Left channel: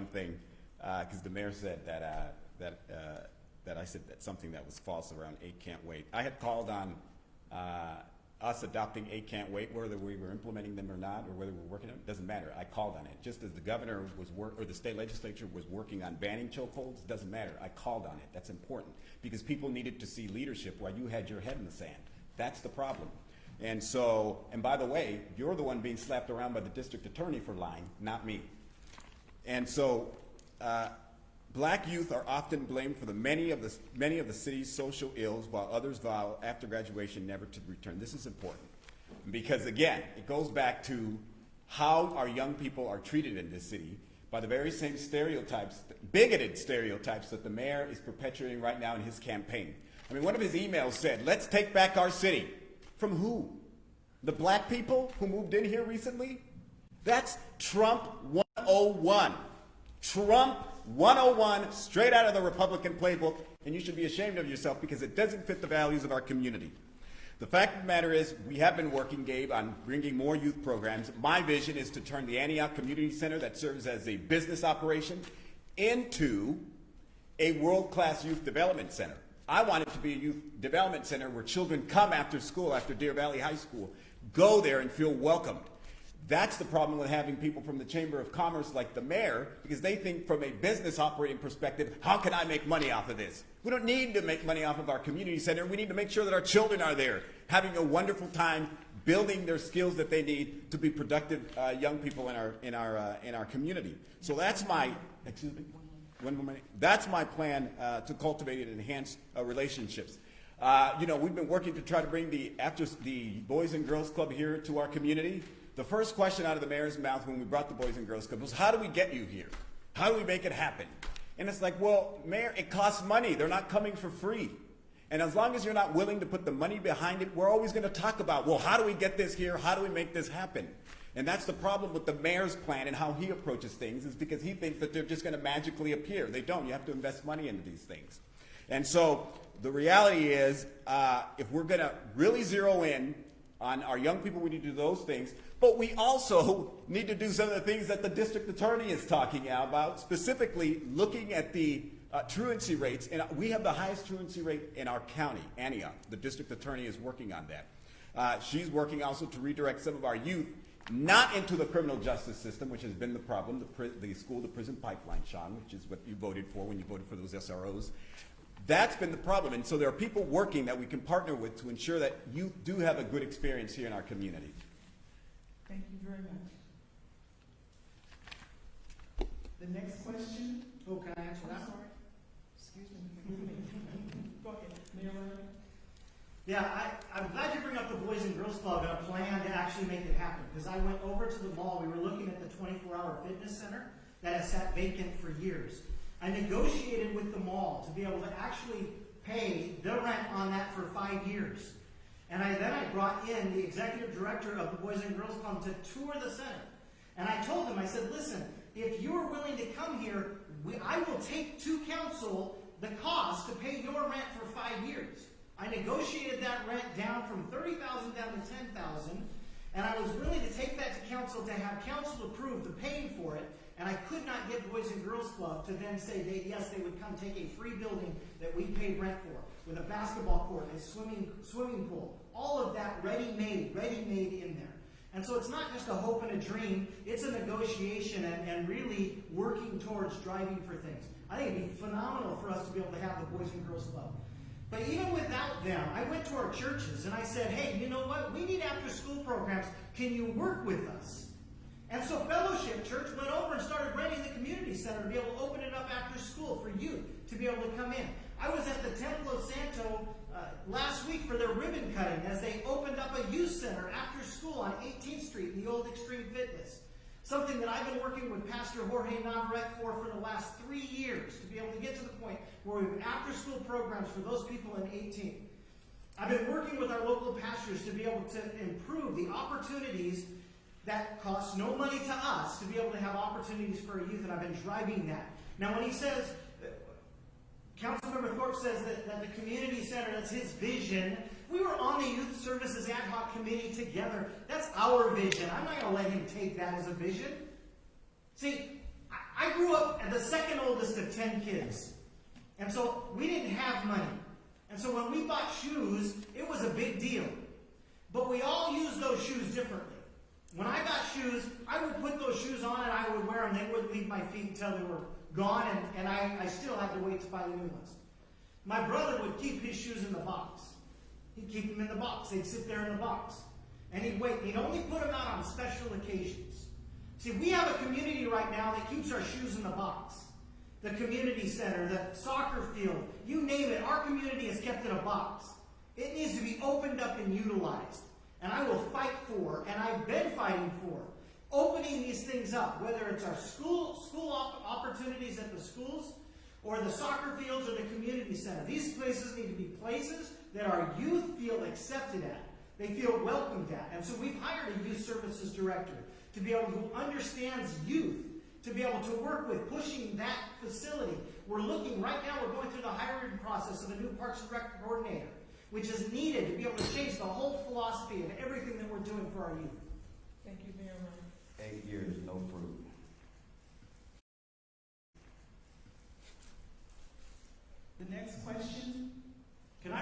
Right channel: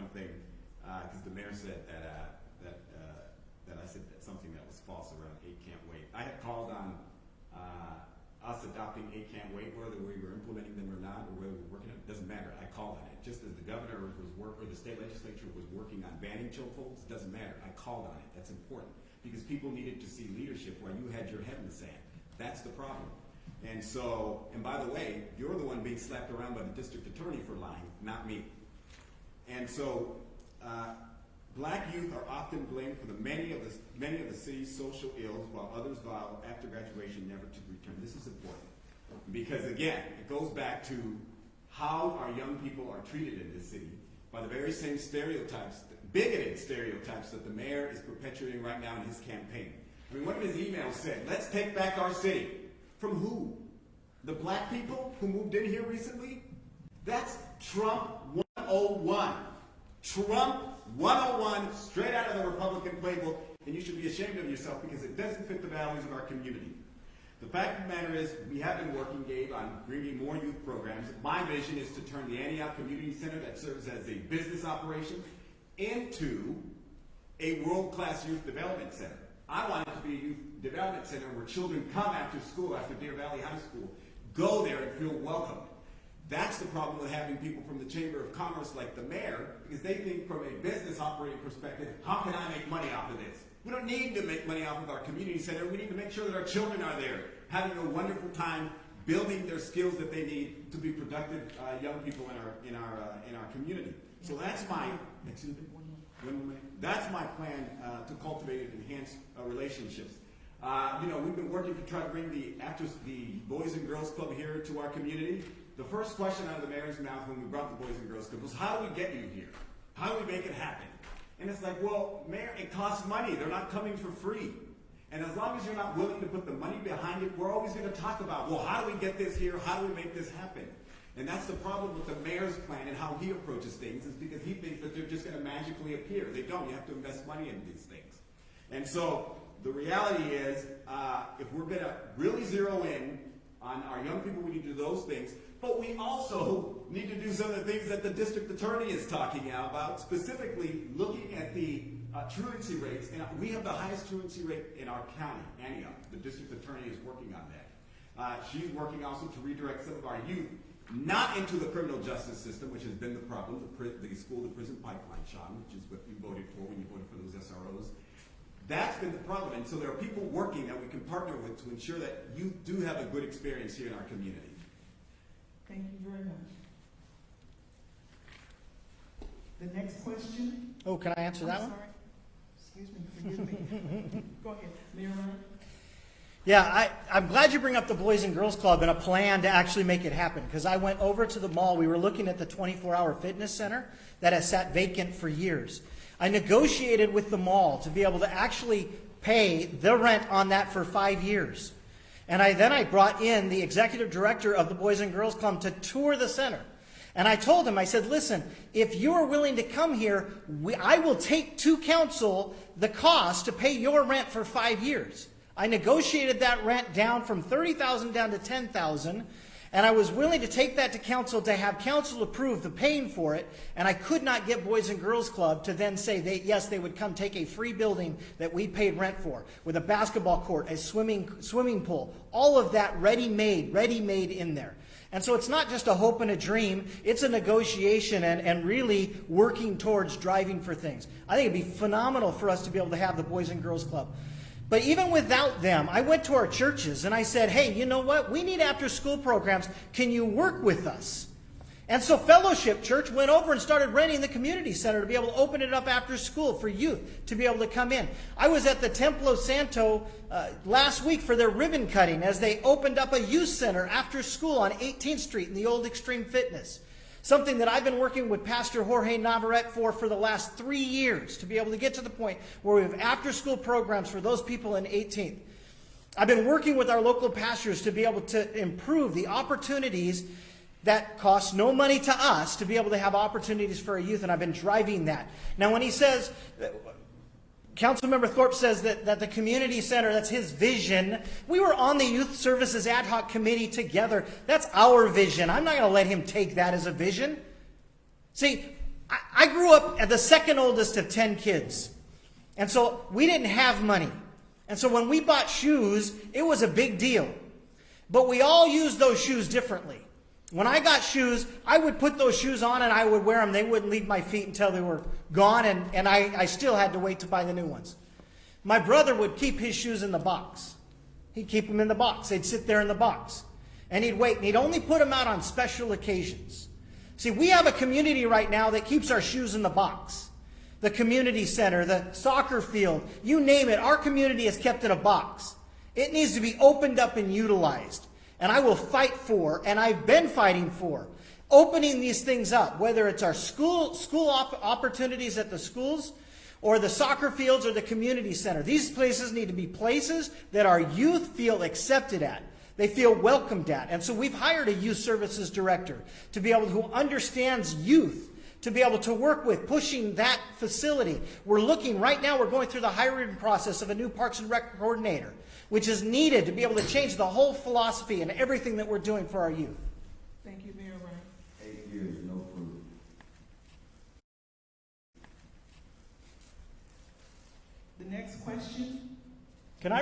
one thing, because the mayor said that I said that something that was false around 8 Can't Wait. I had called on us adopting 8 Can't Wait, whether we were implementing them or not, or whether we were working on it, doesn't matter. I called on it. Just as the governor or the state legislature was working on banning chokeholds, doesn't matter. I called on it. That's important because people needed to see leadership while you had your head in the sand. That's the problem. And so, and by the way, you're the one being slapped around by the district attorney for lying, not me. And so, black youth are often blamed for many of the city's social ills, while others vow after graduation never to return. This is important because, again, it goes back to how our young people are treated in this city by the very same stereotypes, bigoted stereotypes that the mayor is perpetuating right now in his campaign. I mean, one of his emails said, "Let's take back our city." From who? The black people who moved in here recently? That's Trump 101. Trump 101, straight out of the Republican playbook, and you should be ashamed of yourself because it doesn't fit the values of our community. The fact of the matter is, we have been working, Gabe, on bringing more youth programs. My vision is to turn the Antioch Community Center that serves as a business operation into a world-class youth development center. I want it to be a youth development center where children come after school, after Deer Valley High School, go there and feel welcomed. That's the problem with having people from the Chamber of Commerce like the mayor, because they think from a business operating perspective, how can I make money off of this? We don't need to make money off of our community center. We need to make sure that our children are there, having a wonderful time, building their skills that they need to be productive young people in our community. So that's my, excuse me, that's my plan to cultivate and enhance relationships. You know, we've been working to try to bring the Boys and Girls Club here to our community. The first question out of the mayor's mouth when we brought the Boys and Girls Club was, how do we get you here? How do we make it happen? And it's like, well, Mayor, it costs money. They're not coming for free. And as long as you're not willing to put the money behind it, we're always going to talk about, well, how do we get this here? How do we make this happen? And that's the problem with the mayor's plan and how he approaches things, is because he thinks that they're just going to magically appear. They don't. You have to invest money into these things. And so the reality is, if we're going to really zero in on our young people, we need to do those things. But we also need to do some of the things that the district attorney is talking about, specifically looking at the truancy rates. And we have the highest truancy rate in our county, Antioch. The district attorney is working on that. She's working also to redirect some of our youth not into the criminal justice system, which has been the problem, the school-to-prison pipeline, Sean, which is what you voted for when you voted for those SROs. That's been the problem. And so there are people working that we can partner with to ensure that youth do have a good experience here in our community. Thank you very much. The next question. Oh, can I answer that one? Sorry. Excuse me, forgive me. Go ahead. Mayor Ryan? Yeah, I'm glad you bring up the Boys and Girls Club and a plan to actually make it happen, because I went over to the mall. We were looking at the 24-hour fitness center that has sat vacant for years. I negotiated with the mall to be able to actually pay the rent on that for 5 years. And then I brought in the executive director of the Boys and Girls Club to tour the center. And I told him, I said, listen, if you are willing to come here, I will take to council the cost to pay your rent for 5 years. I negotiated that rent down from $30,000 down to $10,000, and I was willing to take that to council to have council approve the paying for it, and I could not get Boys and Girls Club to then say yes, they would come take a free building that we paid rent for, with a basketball court, a swimming pool, all of that ready-made in there. And so it's not just a hope and a dream, it's a negotiation and really working towards driving for things. I think it'd be phenomenal for us to be able to have the Boys and Girls Club. But even without them, I went to our churches and I said, hey, you know what? We need after-school programs. Can you work with us? And so Fellowship Church went over and started renting the community center to be able to open it up after school for youth to be able to come in. I was at the Templo Santo last week for their ribbon cutting as they opened up a youth center after school on 18th Street in the old Extreme Fitness. Something that I've been working with Pastor Jorge Navarrete for the last 3 years to be able to get to the point where we have after-school programs for those people in 18th. I've been working with our local pastors to be able to improve the opportunities that cost no money to us to be able to have opportunities for our youth, and I've been driving that. Now, when he says, Councilmember Thorpe says that the community center, that's his vision. We were on the Youth Services Ad Hoc Committee together. That's our vision. I'm not going to let him take that as a vision. See, I grew up as the second oldest of 10 kids. And so we didn't have money. And so when we bought shoes, it was a big deal. But we all used those shoes differently. When I got shoes, I would put those shoes on and I would wear them. They wouldn't leave my feet until they were gone, and I still had to wait to buy the new ones. My brother would keep his shoes in the box. He'd keep them in the box. They'd sit there in the box. And he'd wait, and he'd only put them out on special occasions. See, we have a community right now that keeps our shoes in the box. The community center, the soccer field, you name it, our community is kept in a box. It needs to be opened up and utilized. And I will fight for, and I've been fighting for, opening these things up, whether it's our school opportunities at the schools, or the soccer fields, or the community center. These places need to be places that our youth feel accepted at. They feel welcomed at. And so we've hired a youth services director to be able to, who understands youth, to be able to work with pushing that facility. We're looking, right now we're going through the hiring process of a new Parks and Rec coordinator, which is needed to be able to change the whole philosophy and everything that we're doing for our youth. Thank you, Mayor Wright. 8 years, no fruit. The next question. Can I